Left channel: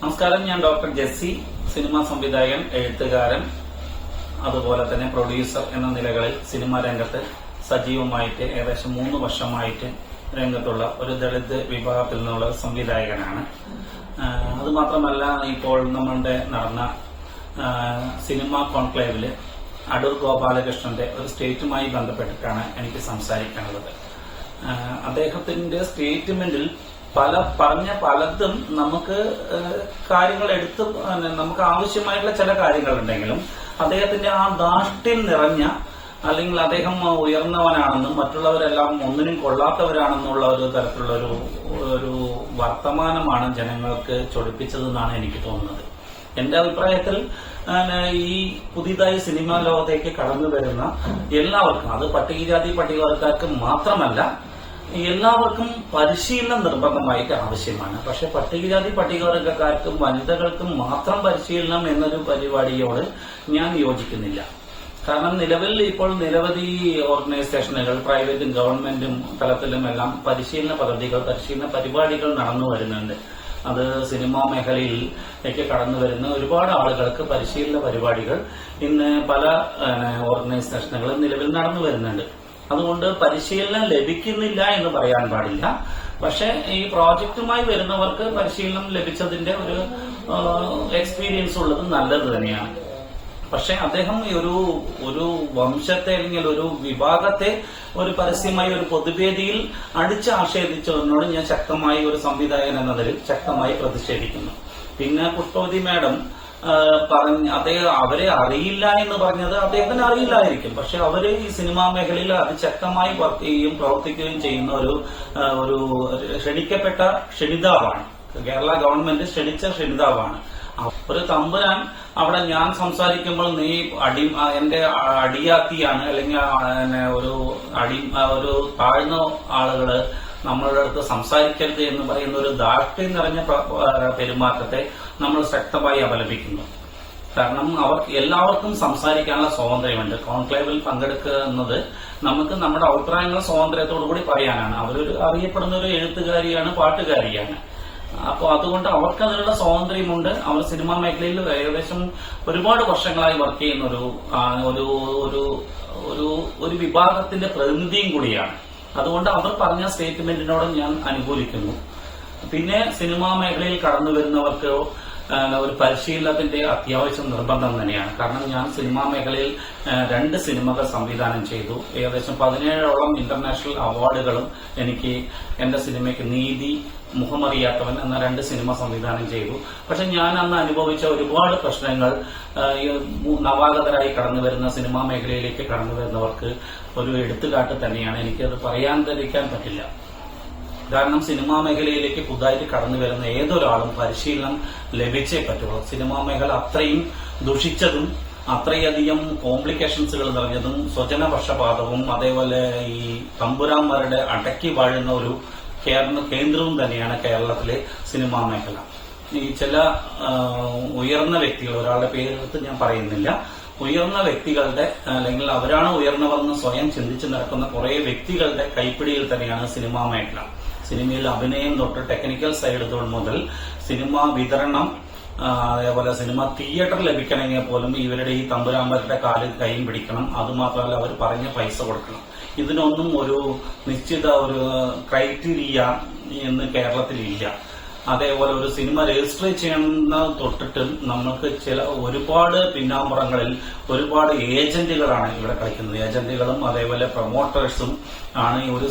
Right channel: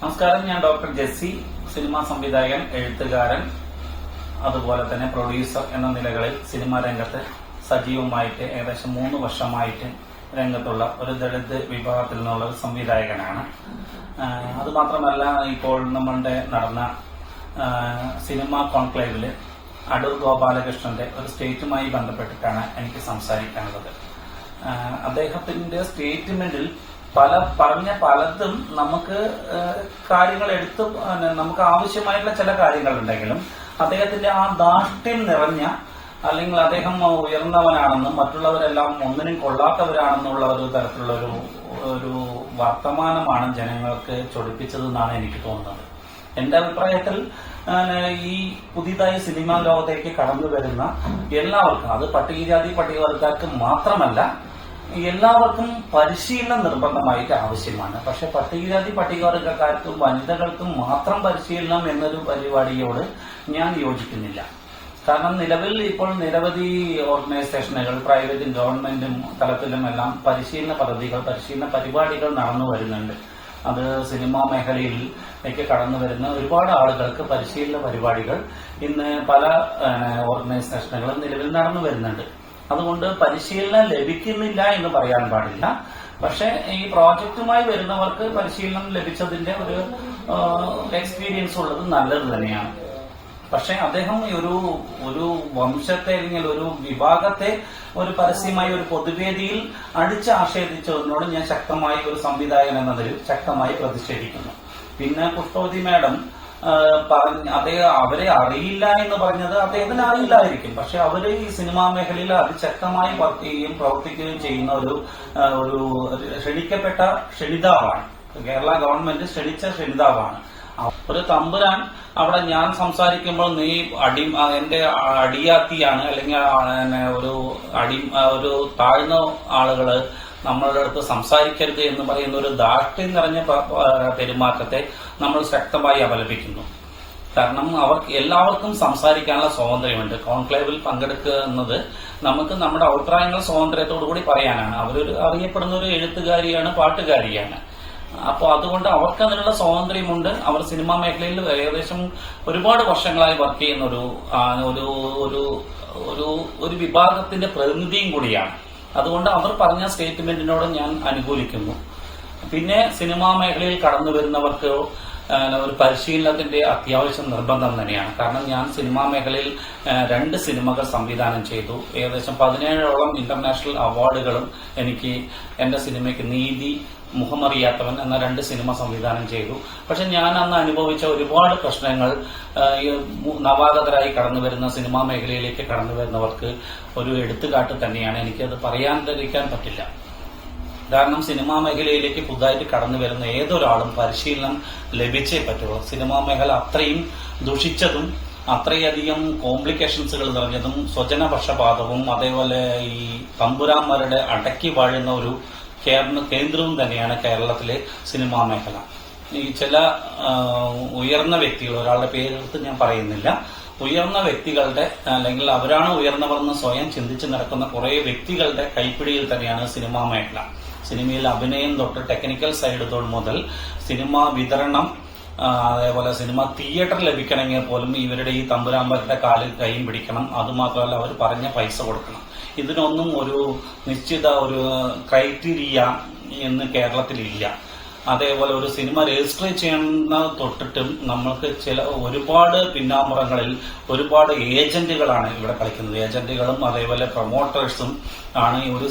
നമസ്കാരം, ഞാൻ doctor Jessy, cinema സംവിധായകൻ, എഴുത്തുകാരൻ, അതുപോലെ തന്നെ പ്രൊഡ്യൂസർ എന്ന നിലകളിൽ സിനിമാ രംഗത്ത് സജീവമായിട്ട് ഏകദേശം 3 വർഷമായിട്ട് രംഗത്തുള്ള ഒരു ദളിത് വിഭാഗത്തിൽ നിന്നുള്ള സംവിധായകനാണ്. അതുമാത്രമല്ല, ഇപ്പോൾ നമ്മളുടെ നടന്ന സിനിമാ കോൺക്ലേവില് അടൂർ ഗോപാലകൃഷ്ണന്റെ ഒരു സ്റ്റേറ്റുമായി ബന്ധപ്പെട്ടിട്ടാണ് എനിക്ക് സംസാരിക്കാനുള്ളത്. അദ്ദേഹത്തിന്റെ സ്റ്റേറ്റ്മെന്റിൽ പറഞ്ഞ പലതും നമുക്ക് കാര്യങ്ങൾ നമുക്ക് ആവശ്യമായിട്ടുള്ള ചില കാര്യങ്ങളുണ്ടെങ്കിലും അദ്ദേഹത്തിന്റെ ആ ധാർഷ്ട്യം നിറഞ്ഞ, അല്ലെങ്കിൽ അദ്ദേഹം ഉയർന്നവനാണെന്നും മറ്റുള്ളവരെല്ലാം ഒന്നിനും കൊള്ളാത്തവരാണെന്നുള്ള ഒരു തരത്തിലുള്ള ഒരു വർത്തമാനമാണ് ജനങ്ങൾക്ക് ചൊടിപ്പിച്ചതെന്നാണ് എനിക്ക് തോന്നുന്നത്. എന്റെ അഭിപ്രായത്തിൽ ഈ പുതിയതായി സിനിമാ ലോകത്തേക്ക് കടന്നു വരുന്ന എല്ലാവർക്കും, അത് പട്ടികജാതി പട്ടികവർഗക്കാർക്ക് മാത്രമല്ല, എല്ലാവർക്കും പരിശീലനം നിർബന്ധമായിട്ട് ആവശ്യമാണ്. പക്ഷെ പട്ടികജാതി പട്ടികവർഗക്കാർക്കും വനിതകൾക്കും മാത്രം പരിശീലനം എന്നൊരു പരിപാടിയോട് ഞാൻ യോജിക്കുന്നില്ല. കാരണം നിലവിൽ ഇപ്പോൾ നിരവധി ഓർഗനൈസേഷനുകൾ, പ്രൈവറ്റും ഗവൺമെന്റും തലത്തിലുമെല്ലാം പരിശീലന പരിപാടികൾ നടന്നു വരുന്നുണ്ട്. അത് സിനിമാ മേഖലയിലേക്ക് കടന്നു വരുന്ന ഒരുപാട് ആളുകൾക്ക് പരിശീലന പരിപാടികൾ ഇന്ന് പല ഓർഗനൈസേഷനുകളും നിലവിൽ നടന്നു വരുന്നുണ്ട്. അതുകൊണ്ട് പരിശീലനം ലഭിക്കുന്നില്ല എന്ന് പറയാൻ പാടില്ല. പക്ഷെ ഈ പ്രോജക്റ്റുമായി വരുന്നവർക്ക് പരിശീലനം ലഭിച്ചതിന്റെ ഒരു എക്സ്പീരിയൻസ് ഉള്ളത് നല്ലത് തന്നെയാണ്. പക്ഷെ അദ്ദേഹം ഒരു വംശത്തെ അല്ലെങ്കിൽ ഒരു വിഭാഗത്തെ ഒരു പരസ്യമായി ഒരു പൊതുവേദിയിൽ അടിച്ചാക്ഷേപിച്ചതിനോട് ഞാൻ ശക്തമായി, ഒരു സംവിധായകൻ എന്നതിൽ ശക്തമായി പ്രതിഷേധിക്കുന്നു. പിന്നെ പുഷ്പവതി മാഡം അവരെ അറിയില്ല എന്ന് പറഞ്ഞത് അദ്ദേഹത്തിന് അറിയില്ലായിരിക്കും. പക്ഷെ അവര് ഈ സിനിമാ മേഖലയിൽ അതിശക്തമായി വർക്ക് ചെയ്യുകയും പ്രവർത്തിക്കുകയും ചെയ്യുന്ന ഒരു ക്ഷണിക്കപ്പെട്ട ക്ഷണിതാവാണ്. കേരള ഗവൺമെന്റ് ക്ഷണിച്ച ക്ഷണിതാവാണ്. ഒരു തമ്പുരാൻ അവിടെ ഞാൻ സംസാരിക്കുമ്പോൾ നീ എന്റെ അടിയാത്തിയാണ്, അല്ലെങ്കിൽ ഒരു താഴ്ന്ന ആളുകള് നമ്മളുടെ അടുത്ത് സംസാരിക്കരുത് എന്ന് പറയുന്ന ഒരു ധാർഷ്ട്യം നിറഞ്ഞ പെരുമാറ്റത്തെ നമ്മൾ ശക്തമായി അപലപിക്കുന്നു. കാരണം എല്ലാവർക്കും സംസാരിക്കാനുള്ള സ്വാതന്ത്ര്യമുണ്ട്. കോൺക്ലേവിൽ പങ്കെടുക്കുക എന്നത് നമുക്ക് നമ്മുടെ അഭിപ്രായങ്ങൾ സ്വാതന്ത്ര്യത്തോടുകൂടി പറയാനാണ്. അവരൊരു അറിയപ്പെടുന്ന ഒരു എഴുത്തുകാരിയാണ്, പാട്ടുകാരിയാണ്. അപ്പൊ അതുകൊണ്ട് അവർക്ക് അതിനുള്ള സ്വാതന്ത്ര്യമുണ്ട്. അവർ സിനിമാ മേഖലയിൽ ഏകദേശം ഒരുപാട് വർഷങ്ങളായി വർക്ക് ചെയ്യുന്ന ഒരു വിഭാഗത്തിന്റെ പ്രതിനിധിയും കൂടിയാണ്. അതുകൊണ്ട് അവർ പറഞ്ഞ സ്റ്റേറ്റ്മെന്റിനോട് ഞാൻ അനുകൂലിക്കുന്നു. പിന്നെ സിനിമാ മേഖലയിൽ കടന്നു വരുന്നവർക്ക് ഒരു പരിശീലനത്തിന്റെ അത്യാവശ്യം നിർബന്ധം തന്നെയാണ്. കാരണം ഞാൻ സിനിമാ മേഖലയിൽ 2 സിനിമകൾ സംവിധാനം ചെയ്തു. ഏകദേശം 17ഓളം ഇന്റർനാഷണൽ അവാർഡുകളും എനിക്ക് എന്റെ സിനിമയ്ക്ക് നീതി, മുഖമറിയാത്തവൻ എന്ന 2 സിനിമ സംവിധാനം ചെയ്തു. പക്ഷെ ഞാൻ അന്ന് അനുഭവിച്ച ഒരുപാട് പ്രശ്നങ്ങൾ നവാഗതരായി കടന്നു വരുന്ന സിനിമാ മേഖലയിലേക്ക് കടന്നു വരുന്നവർക്ക് ഒരു എടുത്തുകാട്ട് തന്നെയാണ്. എനിക്കത് പറയാതിരിക്കാൻ പറ്റില്ല. കാരണം സിനിമാ മേഖലയിലേക്ക് പുതുതായിട്ട് കടന്നു വരുന്ന ഏതൊരാളും പരിശീലനം ലഭിച്ചേ പറ്റുള്ളൂ. സിനിമാ മേഖല അത്രയും ദുഷിച്ചതും അത്രയധികം കോംപ്ലിക്കേഷൻസുകൾ നിറഞ്ഞതും സ്വജനപക്ഷപാതവും അതേപോലെ ഈ തമ്പുരാന്മാരുടെ അടക്കി വാഴുന്ന ഒരു കേന്ദ്രവും തന്നെയാണ് കേരളത്തിലെ സിനിമാ മേഖല. ഈ ചില ഉയർന്ന വ്യക്തികൾ, ഒരാളുടെ പേരെടുത്ത് ഞാൻ പറയുന്നില്ല, ഉയർന്ന വ്യക്തികളുടെ, അല്ലെങ്കിൽ അവരാണ് ഉയർന്നവർന്ന് സ്വയം ചിന്തിച്ച് നടക്കുന്ന കുറെ വ്യക്തികളുടെ കൈപ്പിടിയിൽ തന്നെയാണ് സിനിമാ മേഖല. സിനിമയിൽ അഭിനയം തൊട്ട് ടെക്നിക്കൽ സൈഡ് മുതൽ സിനിമ വിതരണം, അതേപോലെ സിനിമ തിയേറ്റർ ലഭിക്കണമെങ്കിൽ പോലും ഇവരുടെ ഈ തമ്പുരാമ്പരുടെ കാലിൽ കൈയും പിടിക്കണം. അതുമാത്രമല്ല, അവർ പറഞ്ഞ പൈസ കൊടുക്കണം. ഇതിനൊന്നും ഒരു നിശ്ചിത ഒരു ക്രൈറ്റീരിയ എന്ന് കേരളത്തിലില്ല. അതേപോലെ ഒരു സിനിമ രജിസ്റ്റർ ചെയ്യുന്ന തൊട്ടിട്ടും നമ്മൾക്ക് ഒരുപാട് പിന്നാമ്പുറങ്ങളിൽ ഒരുപാട് ഏജന്റുകളാണ് ഇവിടെ കളിക്കുന്നത്. ഏജന്റുകളും അതേപോലെ പ്രൊമോട്ടേഴ്സും ആണ് ഈ ഒരു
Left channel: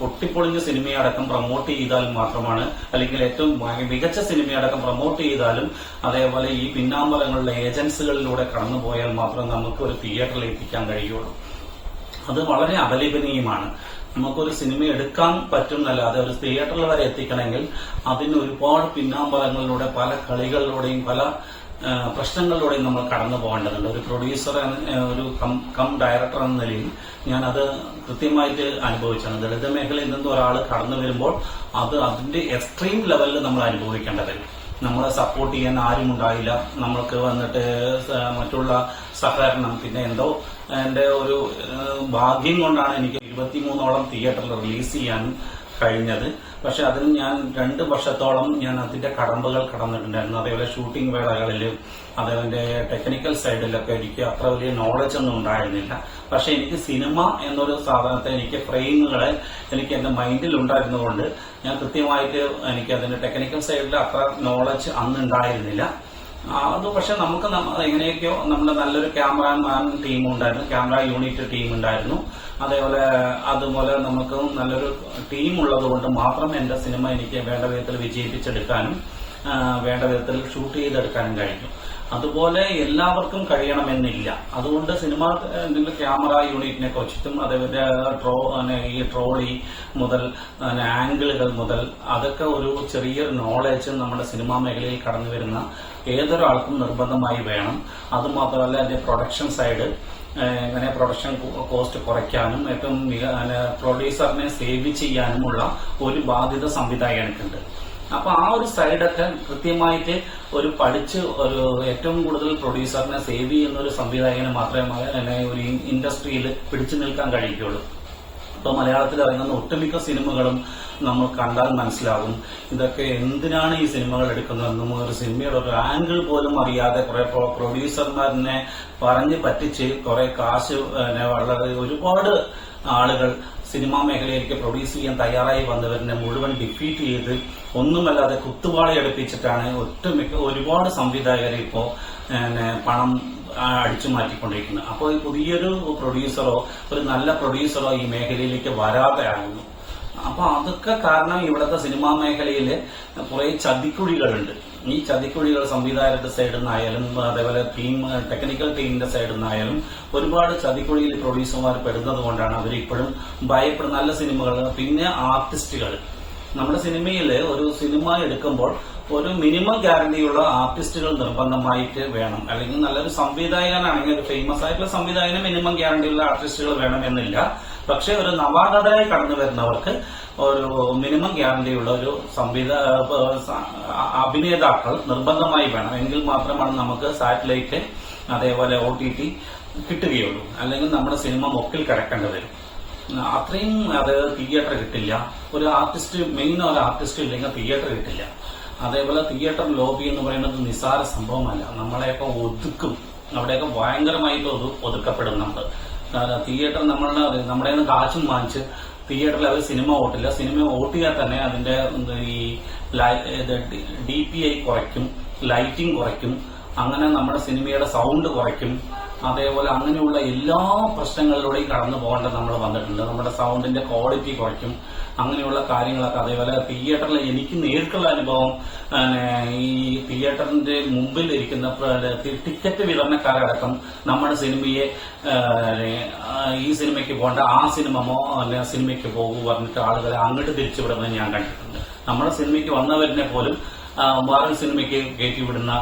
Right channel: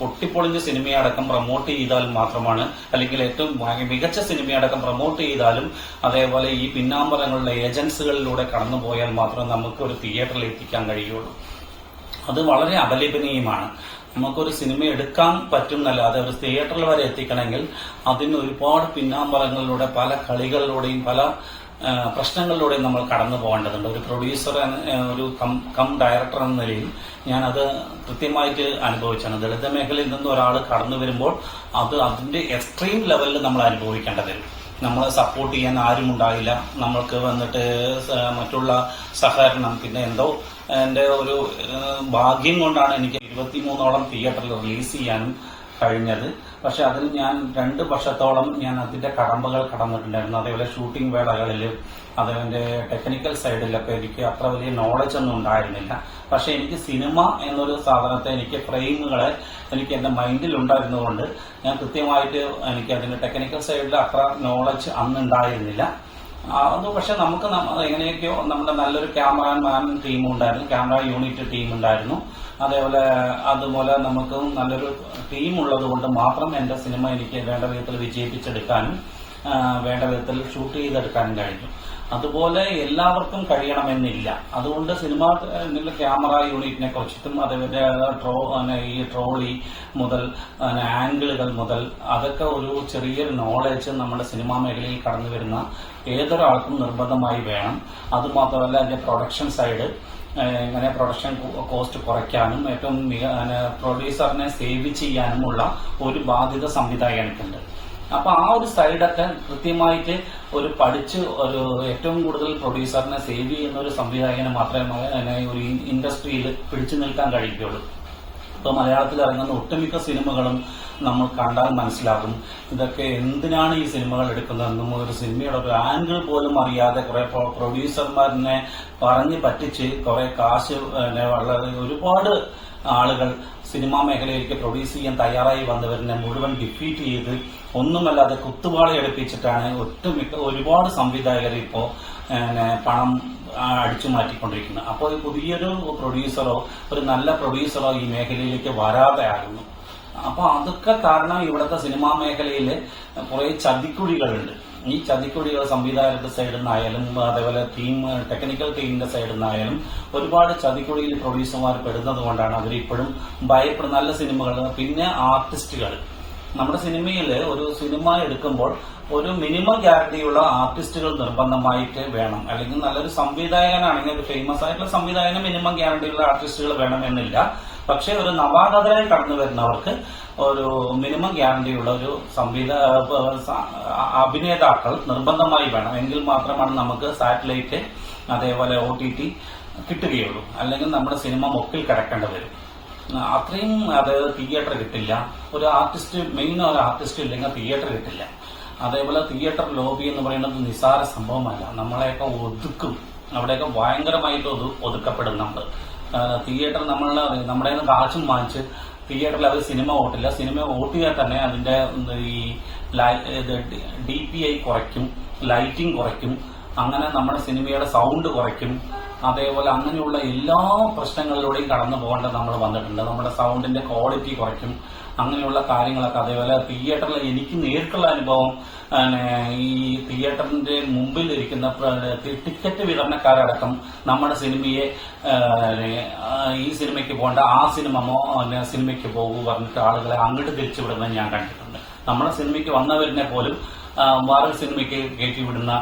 പൊട്ടിപ്പൊളിഞ്ഞ സിനിമയടക്കം പ്രൊമോട്ട് ചെയ്താൽ മാത്രമാണ്, അല്ലെങ്കിൽ ഏറ്റവും മികച്ച സിനിമയടക്കം പ്രൊമോട്ട് ചെയ്താലും അതേപോലെ ഈ പിന്നാമ്പുറങ്ങളിലെ ഏജൻസികളിലൂടെ കടന്നുപോയാൽ മാത്രമേ നമുക്ക് ഒരു തിയേറ്ററിൽ എത്തിക്കാൻ കഴിയുള്ളൂ. അത് വളരെ അപലപനീയമാണ്. നമുക്കൊരു സിനിമ എടുക്കാൻ പറ്റുന്നല്ലാതെ ഒരു തിയേറ്ററിൽ വരെ എത്തിക്കണമെങ്കിൽ അതിന് ഒരുപാട് പിന്നാമ്പറങ്ങളിലൂടെ, പല കളികളിലൂടെയും, പല പ്രശ്നങ്ങളിലൂടെയും നമ്മൾ കടന്നു പോകേണ്ടതുണ്ട്. ഒരു പ്രൊഡ്യൂസർ, ഒരു ഡയറക്ടർ എന്ന നിലയിൽ ഞാനത് കൃത്യമായിട്ട് അനുഭവിച്ചാണ്. ദളിത് മേഖലയിൽ നിന്ന് ഒരാൾ കടന്നു വരുമ്പോൾ അതിന്റെ എക്സ്ട്രീം ലെവലിൽ നമ്മൾ അനുഭവിക്കേണ്ടി വരും. നമ്മളെ സപ്പോർട്ട് ചെയ്യാൻ ആരും ഉണ്ടായില്ല. നമ്മൾക്ക് വന്നിട്ട് മറ്റുള്ള സഹകരണം, പിന്നെ എന്റെ ഒരു ഭാഗ്യം കൊണ്ടാണ് എനിക്ക് 23ഓളം തിയേറ്ററിൽ റിലീസ് ചെയ്യാൻ കഴിഞ്ഞത്. പക്ഷെ അതിന് ഞാൻ 2 വർഷത്തോളം ഞാൻ അതിന്റെ കടമ്പകൾ കടന്നിട്ടുണ്ടായിരുന്നു. അതേപോലെ ഷൂട്ടിംഗ് വേളകളിൽ അതിന്റെ ടെക്നിക്കൽ സൈഡിലൊക്കെ എനിക്ക് അത്ര വലിയ നോളജ് ഒന്നും ഉണ്ടായിരുന്നില്ല. പക്ഷെ എനിക്ക് സിനിമ എന്നൊരു സാധനത്തെ, എനിക്ക് ഫ്രെയിമുകളെ എനിക്ക് എന്റെ മൈൻഡിൽ ഉണ്ടായിരുന്നതുകൊണ്ട് ഞാൻ കൃത്യമായിട്ട് എനിക്ക് അതിന്റെ ടെക്നിക്കൽ സൈഡിൽ അത്ര നോളജ് അന്ന് ഉണ്ടായിരുന്നില്ല. അത് പക്ഷെ നമുക്ക് എങ്ങനെയൊക്കെയോ നമ്മുടെ നല്ലൊരു ക്യാമറാമാൻ ടീം ഉണ്ടായിരുന്നു, ക്യാമറ യൂണിറ്റ് ടീം ഉണ്ടായിരുന്നു. അതുപോലെ നമുക്ക് നല്ലൊരു ടീം ഉള്ളത് കൊണ്ട് മാത്രം എന്റെ സിനിമ എനിക്ക് വേണ്ട വിധത്തിൽ വിജയിപ്പിച്ചെടുക്കാനും വേണ്ട വിധത്തിൽ ഷൂട്ട് ചെയ്തെടുക്കാനും കഴിഞ്ഞു. അതുപോലെ എല്ലാവർക്കും കഴിയണമെന്നില്ല. അതുകൊണ്ട് സിനിമ ക്യാമറ യൂണിറ്റിനെ കുറിച്ചിട്ടും അതേപോലെ ഈ ട്രോളി മുതൽ ആംഗിളുകൾ മുതൽ അതൊക്കെ ഒരു ചെറിയൊരു നോളേജ് നമ്മുടെ സിനിമാ മേഖലയിൽ കടന്നു വരുന്ന ഏതൊരാൾക്കും നിർബന്ധമായി വേണം. അതുമാത്രമല്ല അതിന്റെ പ്രൊഡക്ഷൻ സൈഡ്, എങ്ങനെ പ്രൊഡക്ഷൻ കോസ്റ്റ് കുറയ്ക്കാനും ഏറ്റവും പ്രൊഡ്യൂസറിനെ സേവ് ചെയ്യാനുമുള്ള ഒരു ബാധ്യത സംവിധായകനുണ്ട്. അപ്പൊ ആ ഒരു സൈഡൊക്കെ കൃത്യമായിട്ട് പഠിച്ച് ഏറ്റവും കൂടുതൽ പ്രൊഡ്യൂസറിനെ സേവ് ചെയ്യുന്ന ഒരു സംവിധായകന് മാത്രമേ ഒരു ഇൻഡസ്ട്രിയിൽ പിടിച്ചു നിൽക്കാൻ കഴിയുകയുള്ളൂ. ഇപ്പോൾ മലയാളത്തിൽ ഇറങ്ങുന്ന ഒട്ടുമിക്ക സിനിമകളും നമ്മൾ കണ്ടാൽ മനസ്സിലാകും ഇതൊക്കെ എന്തിനാണ് ഈ സിനിമകൾ എടുക്കുന്നതെന്നും ഒരു സിനിമയുടെ ഒരു ആംഗിൾ പോലും അറിയാതെ കുറെ പ്രൊഡ്യൂസർമാരിനെ പറഞ്ഞ് പറ്റിച്ച് കുറെ കാശ് വളരെ ഒരുപാട് ആളുകൾ സിനിമാ മേഖലയിലേക്ക് പ്രൊഡ്യൂസ് ചെയ്യാൻ തയ്യാറായി വന്നവരിനെ മുഴുവൻ ഡിഫീറ്റ് ചെയ്ത് ഒന്നുമല്ലാതെ കുത്തുവാളയടുപ്പിച്ചിട്ടാണ് ഒരുപാട് സംവിധായകർ ഇപ്പോ പണം അടിച്ചു മാറ്റിക്കൊണ്ടിരിക്കുന്നത്. അപ്പോൾ പുതിയൊരു പ്രൊഡ്യൂസറോ ഒരു നല്ല പ്രൊഡ്യൂസറോ ഈ മേഖലയിലേക്ക് വരാതെ ആകുന്നു. അപ്പൊ അതൊക്കെ കാരണം ഇവിടുത്തെ സിനിമാ മേഖലയില് കുറെ ചതിക്കുഴികളുണ്ട്. ഈ ചതിക്കുഴികൾ സംവിധായകരുടെ സൈഡിൽ നിന്നായാലും അതേപോലെ ടെക്നിക്കൽ ടീമിന്റെ സൈഡിൽ നിന്നായാലും ഒരുപാട് ചതിക്കുഴിയിൽ പ്രൊഡ്യൂസർമാർ പെടുന്നത് കൊണ്ടാണ് അവരിപ്പോഴും ഭയപ്പെടുന്ന നല്ല സിനിമകൾ. പിന്നെ ആർട്ടിസ്റ്റുകൾ, നമ്മുടെ സിനിമയിൽ ഒരു സിനിമ എടുക്കുമ്പോൾ ഒരു മിനിമം ഗ്യാരണ്ടിയുള്ള ആർട്ടിസ്റ്റുകൾ നിർബന്ധമായിട്ട് വേണം. അല്ലെങ്കിൽ നല്ലൊരു സംവിധായകനാണെങ്കിൽ ഒരു ഫേമസ് ആയിട്ടുള്ള സംവിധായകന് മിനിമം ഗ്യാരണ്ടിയുള്ള ആർട്ടിസ്റ്റുകൾ വേണമെന്നില്ല. പക്ഷെ ഒരു നവാഗതരായി കടന്നു വരുന്നവർക്ക് ഒരു മിനിമം ഗ്യാരണ്ടിയുള്ള ഒരു അഭിനേതാക്കൾ നിർബന്ധമായി വേണം. എങ്കിൽ മാത്രമാണ് നമുക്ക് സാറ്റലൈറ്റ് അതേപോലെ OTT കിട്ടുകയുള്ളൂ. അല്ലെങ്കിൽ നമ്മുടെ സിനിമ മൊക്കിൽ കിടക്കേണ്ടി വരും. അത്രയും തിയേറ്റർ കിട്ടില്ല. ഒരു ആർട്ടിസ്റ്റ് ഇല്ലെങ്കിൽ തിയേറ്റർ കിട്ടില്ല. അതേപോലെ തിയേറ്റർ ലോബി എന്ന് പറയുന്നത് നിസ്സാര സംഭവമല്ല. നമ്മളെയൊക്കെ ഒതുക്കും, അവിടെയൊക്കെ ഭയങ്കരമായിട്ട് ഒതുക്കപ്പെടുന്നുണ്ട്. തിയേറ്റർ നമ്മുടെ കാശും വാങ്ങിച്ച് തിയേറ്ററിൽ അവർ സിനിമ ഓട്ടില്ല. സിനിമ ഓട്ടിയാൽ തന്നെ അതിന്റെ ഈ DPI കുറയ്ക്കും, ലൈറ്റിംഗ് കുറയ്ക്കും, അങ്ങനെ നമ്മുടെ സിനിമയുടെ സൗണ്ട് കുറയ്ക്കും. അതേപോലെ അങ്ങനെയുള്ള എല്ലാ പ്രശ്നങ്ങളിലൂടെയും കടന്നു പോകേണ്ടത് നമ്മൾ വന്നിട്ടുണ്ട്. നമ്മുടെ സൗണ്ടിന്റെ ക്വാളിറ്റി കുറയ്ക്കും, അങ്ങനെയുള്ള കാര്യങ്ങളൊക്കെ. അതേപോലെ തിയേറ്ററിൽ എനിക്ക് നേരിട്ടുള്ള അനുഭവം, ഈ തിയേറ്ററിന്റെ മുമ്പിൽ ഇരിക്കുന്ന ടിക്കറ്റ് വിതരണക്കാരടക്കം നമ്മുടെ സിനിമയെ ഈ സിനിമയ്ക്ക് പോകേണ്ട ആ സിനിമയ്ക്ക് പോകൂ പറഞ്ഞിട്ട് ആളുകളെ അങ്ങോട്ട് തിരിച്ചുവിടുന്നത് ഞാൻ കണ്ടിട്ടുണ്ട്. നമ്മുടെ സിനിമയ്ക്ക് വന്നവരിനെ പോലും വേറൊരു സിനിമയ്ക്ക് കയറ്റിവിടുന്ന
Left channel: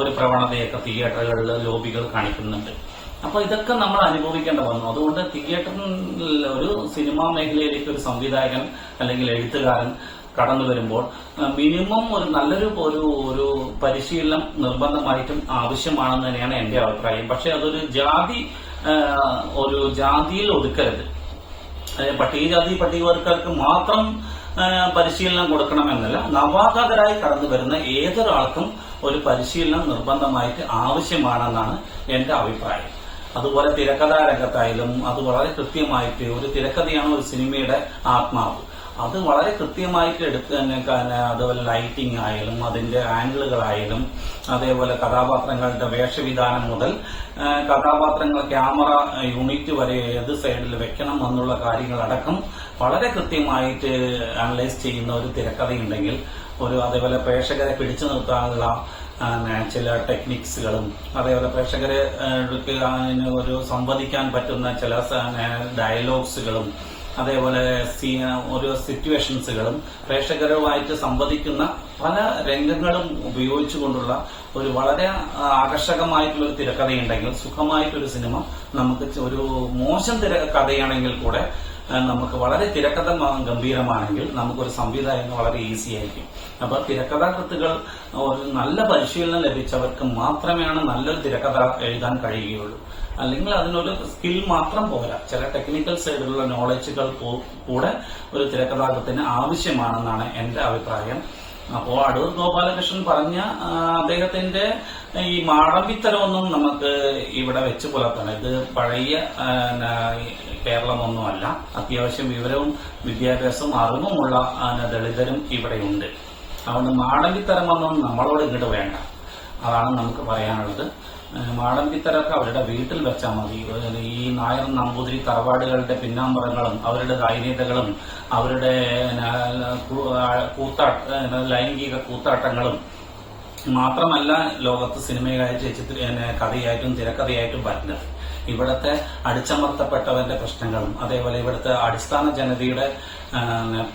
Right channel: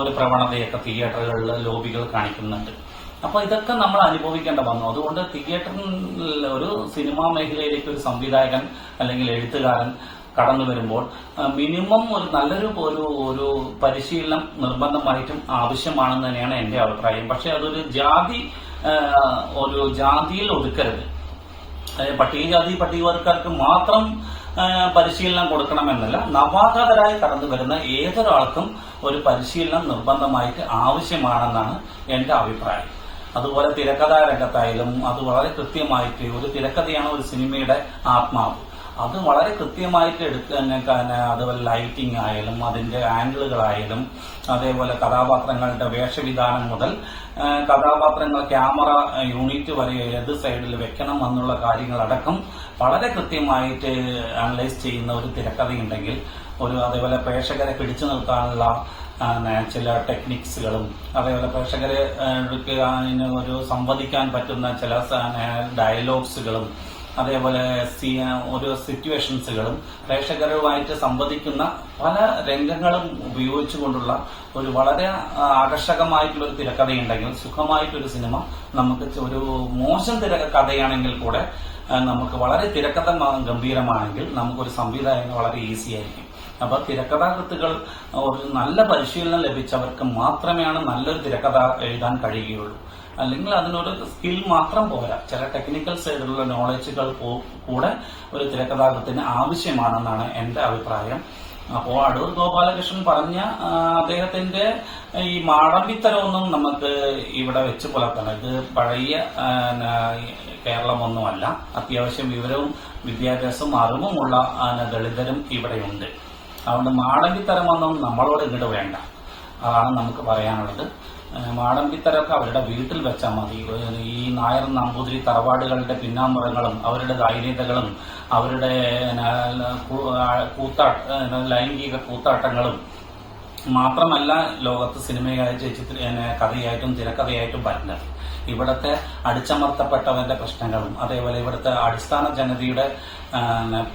ഒരു പ്രവണതയൊക്കെ തിയേറ്ററുകളിൽ ലോബികൾ കാണിക്കുന്നുണ്ട്. അപ്പൊ ഇതൊക്കെ നമ്മൾ അനുഭവിക്കേണ്ട വന്നു. അതുകൊണ്ട് തിയേറ്ററിൽ ഒരു സിനിമാ മേഖലയിലേക്ക് ഒരു സംവിധായകൻ അല്ലെങ്കിൽ എഴുത്തുകാരൻ കടന്നു വരുമ്പോൾ മിനിമം ഒരു നല്ലൊരു ഒരു പരിശീലനം നിർബന്ധമായിട്ടും ആവശ്യമാണെന്ന് തന്നെയാണ് എന്റെ അഭിപ്രായം. പക്ഷെ അതൊരു ജാതിയിൽ ഒതുക്കരുത്. പട്ടികവർഗക്കാർക്ക് മാത്രം പരിശീലനം കൊടുക്കണമെന്നില്ല. നവാഗതരായി കടന്നു വരുന്ന ഏതൊരാൾക്കും ഒരു പരിശീലനം നിർബന്ധമായിട്ട് ആവശ്യമാണെന്നാണ് എന്റെ അഭിപ്രായം. അതുപോലെ തിരക്കഥാ രംഗത്തായാലും അത് വളരെ കൃത്യമായിട്ട്, ഒരു തിരക്കഥയാണ് ഒരു സിനിമയുടെ ആത്മാവ്, അത് വളരെ കൃത്യമായിട്ട് അതുപോലെ ലൈറ്റിംഗ് ആയാലും അതിന്റെ ആംഗിളുകളായാലും അതേപോലെ കഥാപാത്രങ്ങളുടെ വേഷവിധാനം മുതൽ കഥാപാത്രങ്ങൾ ക്യാമറ യൂണിറ്റ് വരെ ഏത് സൈഡിൽ വെക്കണം എന്നുള്ള കാര്യങ്ങളടക്കം വളരെ കൃത്യമായിട്ട് അനലൈസ് ചെയ്യുന്ന ഒരു തിരക്കഥയുണ്ടെങ്കിൽ അതേപോലെ പ്രേക്ഷകരെ പിടിച്ചു നിർത്താനുള്ള ചില ടെക്നിക്സുകളും അതേപോലെ പ്രേക്ഷകരെ ഒരു സംവദിക്കാൻ പറ്റുന്ന ചില ഡയലോഗ്സുകളും അതേപോലെ ഓരോ സിറ്റുവേഷൻസുകളും പ്രേക്ഷകരുമായിട്ട് സംവദിക്കുന്ന പല രംഗങ്ങളും ഉപയോഗിച്ചുകൊണ്ടുള്ള ഒരു വളരെ ആകർഷകമായിട്ടുള്ള ഒരു തിരക്കഥയുണ്ടെങ്കിൽ സുഖമായിട്ടൊരു സിനിമ നമുക്ക് ഒരു മോശം തിരക്കഥയാണെങ്കിൽ കൂടെ നമുക്ക് വളരെ തിരക്കഥ ഗംഭീരമാണെങ്കിൽ നമുക്കൊരു സംവിധായകന് വളരെ ഈസി ആയിരിക്കും. അപ്പൊ തിരക്കഥാകൃത്തുകൾ ഒരു നല്ല പരിശീലനം ലഭിച്ചവർക്ക് മാത്രമേ നല്ലൊരു തിരക്കഥ എഴുതാൻ കഴിയുകയുള്ളൂ. അല്ലെങ്കിൽ അതിനൊരു സ്കിൽ മാത്രം പോരാ, ചില ടെക്നിക്കൽ സൈഡിലുള്ള നോളജുകൾ കൂടെ ഒരു തിരക്കഥാകൃത്തിന് ആവശ്യമാണെന്നാണ് എന്റെ അഭിപ്രായം. അപ്പോ അടൂർ ഗോപാലകൃഷ്ണൻ പറഞ്ഞ അദ്ദേഹത്തിന്റെ ഈ മാടമ്പിത്തരമൊന്നും നമുക്ക് ഇവിടെ വെച്ച് പുലർത്തണം. ഇത് പഴയ കേരളമൊന്നുമല്ല. അത്യാവശ്യം വിവരവും വിദ്യാഭ്യാസവും അറിവുമുള്ള ദളിതരും ഇവിടെയുണ്ട്. അതുകൊണ്ട് മാടമ്പിത്തരമൊന്നും നമ്മളോട് ഇങ്ങോട്ട് വേണ്ട, അതാണ് നമുക്ക് പറയാനുള്ളത്. മാടമ്പിത്തരൊക്കെ അവരുടെ വീട്ടിൽ വെച്ചാൽ മതി. ഈ നായർ നമ്പൂതിരി തറവാടുകളുടെ പിന്നാമ്പറങ്ങളും അവരുടെ ദൈന്യതകളും അവരുടെ ലൈംഗിക കൂത്താട്ടങ്ങളും മാത്രമല്ല ലോകത്ത് സിനിമയായി കഥയായിട്ടും തിരക്കഥയായിട്ടും വരുന്നത്. ഇവിടുത്തെ അടിച്ചമർത്തപ്പെട്ടവരുടെ പ്രശ്നങ്ങളും അതേപോലെ ഇവിടുത്തെ അടിസ്ഥാന ജനതയുടെ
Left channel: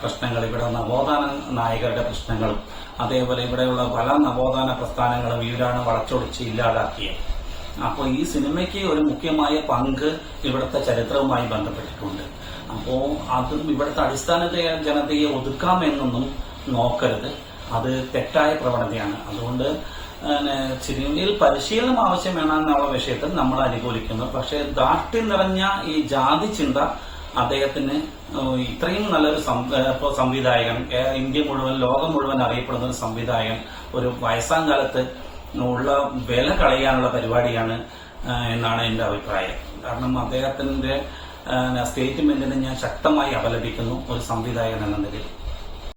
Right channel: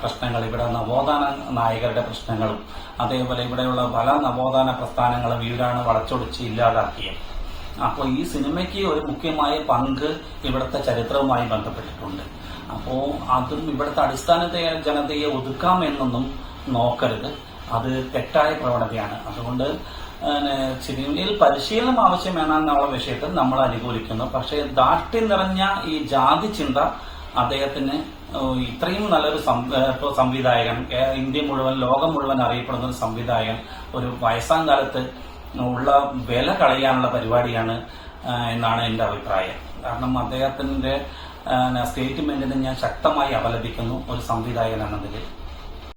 പ്രശ്നങ്ങൾ, ഇവിടെ നവോത്ഥാന നായകരുടെ പ്രശ്നങ്ങളും അതേപോലെ ഇവിടെയുള്ള പല നവോത്ഥാന പ്രസ്ഥാനങ്ങളും വീടാണ് വളച്ചൊടിച്ച് ഇല്ലാതാക്കിയത്. അപ്പോൾ ഈ സിനിമയ്ക്ക് ഒരു മുഖ്യമായ പങ്ക് ഇവിടുത്തെ ചരിത്രവുമായി ബന്ധപ്പെട്ടിട്ടുണ്ട്. അപ്പോ അതും ഇവിടുത്തെ അടിസ്ഥാന ജനതയെ ഒതുക്കാമെന്നൊന്നും നോക്കരുത്, അത് തെറ്റായ പ്രവണതയാണ്. അതുകൊണ്ട് സിനിമയിൽ പരിശീലനം ആവശ്യമെന്നുള്ള വിഷയത്തിൽ നമ്മൾ അനുകൂലിക്കുന്നു. പക്ഷെ ദാഷ്ട്യം നിറഞ്ഞ ഈ ജാതി ചിന്ത അദ്ദേഹത്തിന് ഇത്രയും നല്ലൊരു സംവിധായകൻ, ഇന്ത്യ മുഴുവൻ ലോകം മുഴുവൻ അറിയപ്പെടുന്ന ഒരു സംവിധായകൻ ഒരു വയസ്സാം കാലത്ത് ഉള്ള വില കളയാനുള്ള പരിപാടിയാണ് എന്നാണ് എന്റെ അഭിപ്രായം. കാരണം അദ്ദേഹത്തിന്റെ സ്റ്റേറ്റ്മെന്റിനെ ഞാൻ ശക്തമായി അപലപിക്കുന്നു ഒരു സംവിധായകൻ എന്ന നിലയിൽ.